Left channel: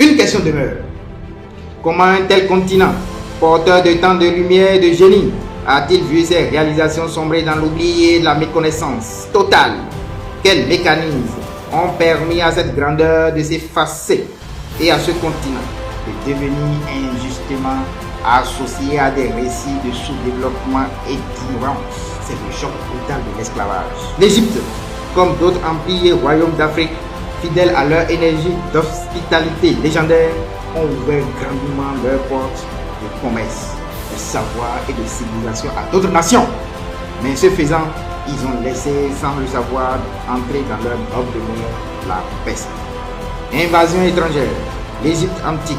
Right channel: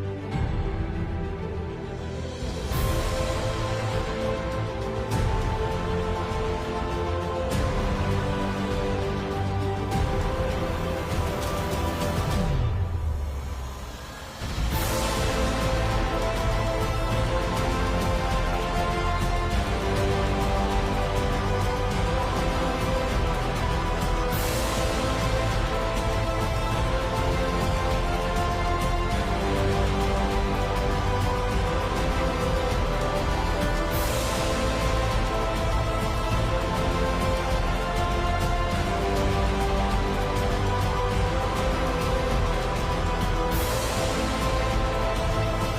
Une question demeure. Comment un tel continent, porteur de tant de lumière et de génie, a-t-il vu ses réalisations sombrer dans l'oubli et la méconnaissance totale? Quels mécanismes ont permis à cette grandeur de s'effacer et à ce continent de devenir injustement associé à des récits de sous-développement et d'ignorance? C'est le choc brutal de l'esclavage. L'Égypte, comme d'autres empires et royaumes d'Afrique, fidèles à leur énergie d'hospitalité légendaire, ont ouvert grandement leurs portes de commerce, de savoir et de civilisation à d'autres nations. Mais ce faisant, ils ont laissé, sans le savoir, entrer dans leur propre monde la peste. Invasion étrangère. L'Égypte antique,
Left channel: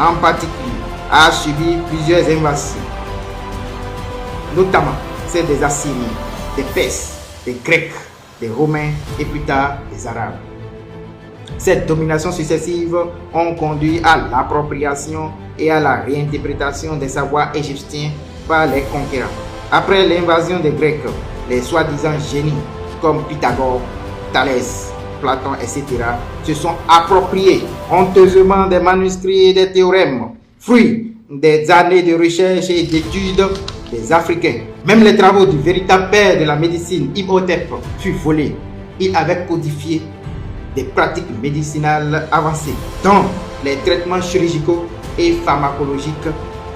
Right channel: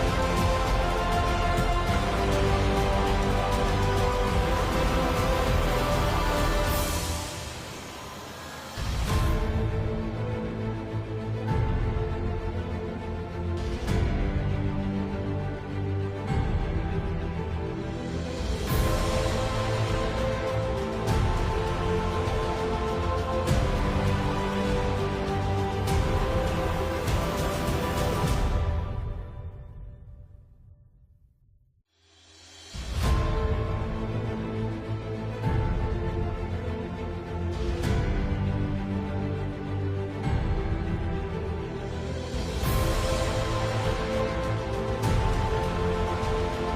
en particulier, a subi plusieurs invasions, notamment celles des Assyriens, des Perses, des Grecs, des Romains et plus tard des Arabes. Cette domination successive ont conduit à l'appropriation et à la réinterprétation des savoirs égyptiens par les conquérants. Après l'invasion des Grecs, les soi-disant génies comme Pythagore, Thalès, Platon, etc. se sont appropriés honteusement des manuscrits et des théorèmes, fruits des années de recherche et d'études des Africains. Même les travaux du véritable père de la médecine, Imhotep, furent volés. Il avait codifié des pratiques médicinales avancées, dont les traitements chirurgicaux et pharmacologiques,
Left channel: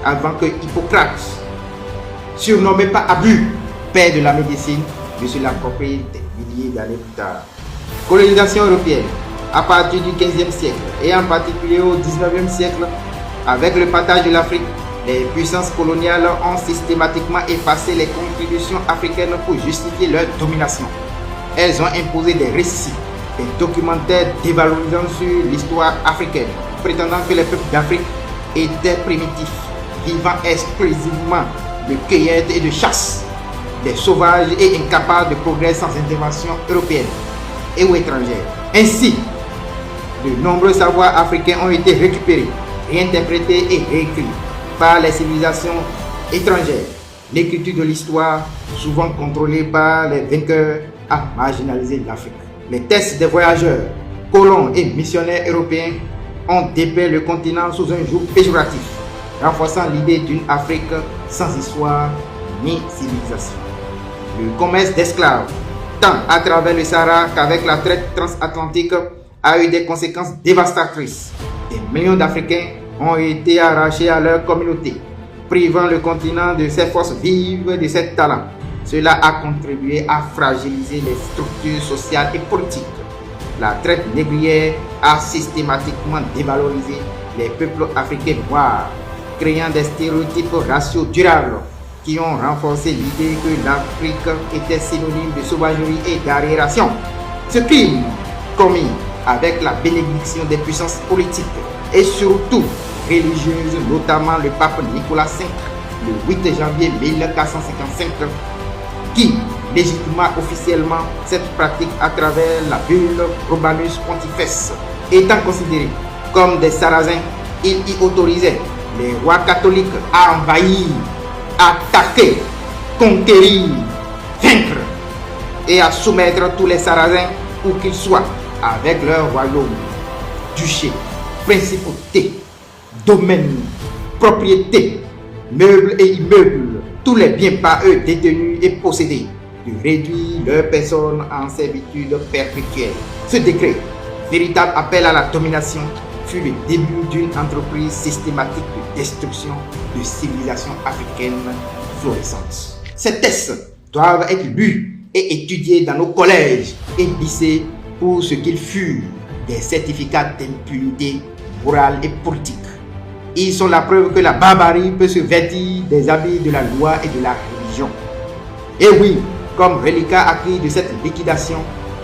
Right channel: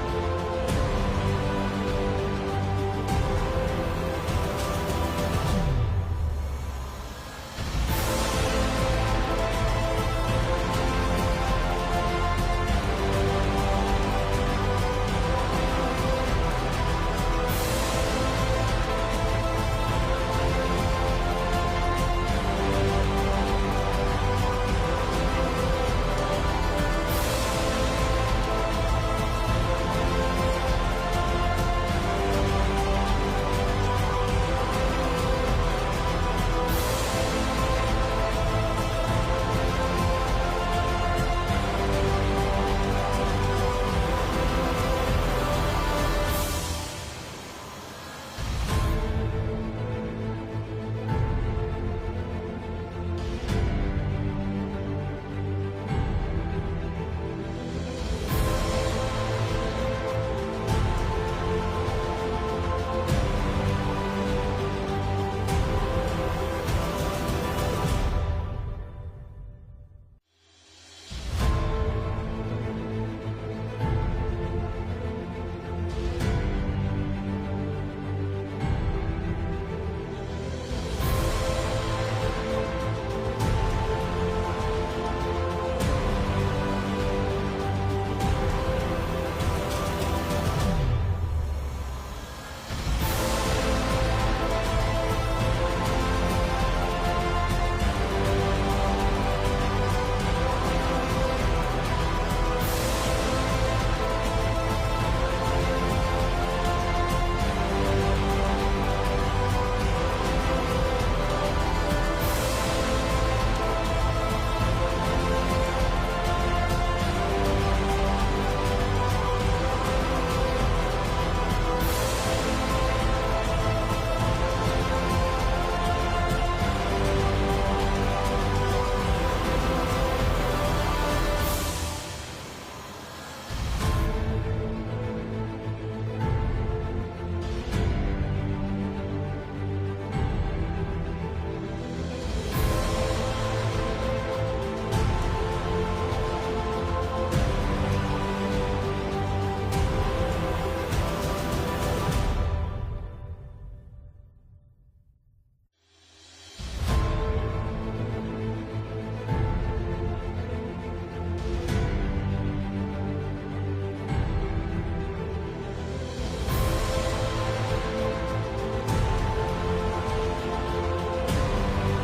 avant que Hippocrate, surnommé par abus père de la médecine, ne se l'approprie des milliers d'années plus tard. Colonisation européenne. À partir du XVe siècle et en particulier au XIXe siècle, avec le partage de l'Afrique, les puissances coloniales ont systématiquement effacé les contributions africaines pour justifier leur domination. Elles ont imposé des récits, des documentaires dévalorisant sur l'histoire africaine, prétendant que les peuples d'Afrique étaient primitifs, vivant exclusivement de cueillette et de chasse, des sauvages et incapables de progrès sans intervention européenne et ou étrangère. Ainsi, de nombreux savoirs africains ont été récupérés, réinterprétés et réécrits par les civilisations étrangères. L'écriture de l'histoire, souvent contrôlée par les vainqueurs, a marginalisé l'Afrique. Les textes des voyageurs, colons et missionnaires européens ont dépeint le continent sous un joug péjoratif, renforçant l'idée d'une Afrique sans histoire ni civilisation. Le commerce d'esclaves, tant à travers le Sahara qu'avec la traite transatlantique, a eu des conséquences dévastatrices. Des millions d'Africains ont été arrachés à leur communauté, privant le continent de ses forces vives et de ses talents. Cela a contribué à fragiliser les structures sociales et politiques. La traite négrière a systématiquement dévalorisé les peuples africains noirs, créant des stéréotypes raciaux durables qui ont renforcé l'idée que l'Afrique était synonyme de sauvagerie et d'arriération. Ce crime, commis avec la bénédiction des puissances politiques et surtout religieuses, notamment le pape Nicolas V, le 8 janvier 1455, qui légitima officiellement cette pratique à travers la bulle Romanus Pontifex. Étant considérés comme des Sarrasins, il y autorisait les rois catholiques à envahir, attaquer, conquérir, vaincre et à soumettre tous les Sarrasins où qu'ils soient avec leur royaume, duché, principauté, domaine, propriété, meubles et immeubles, tous les biens par eux détenus et possédés, de réduire leur personne en servitude perpétuelle. Ce décret, véritable appel à la domination, fut le début d'une entreprise systématique de destruction de civilisations africaines florissantes. Ces textes doivent être lus et étudiés dans nos collèges et lycées pour ce qu'ils furent, des certificats d'impunité morale et politique. Ils sont la preuve que la barbarie peut se vêtir des habits de la loi et de la religion. Et oui, comme reliquat acquis de cette liquidation,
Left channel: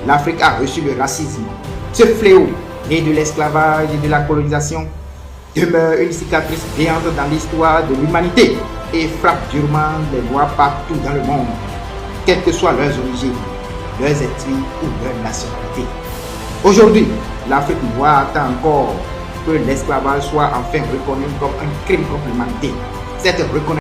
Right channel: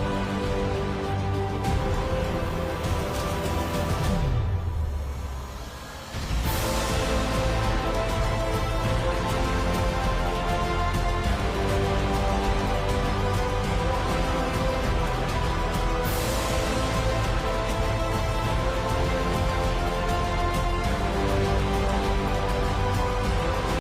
l'Afrique a reçu le racisme. Ce fléau, né de l'esclavage et de la colonisation, demeure une cicatrice béante dans l'histoire de l'humanité et frappe durement les Noirs partout dans le monde, quelles que soient leurs origines, leurs ethnies ou leur nationalité. Aujourd'hui, l'Afrique noire attend encore que l'esclavage soit enfin reconnu comme un crime contre l'humanité. Cette reconnaissance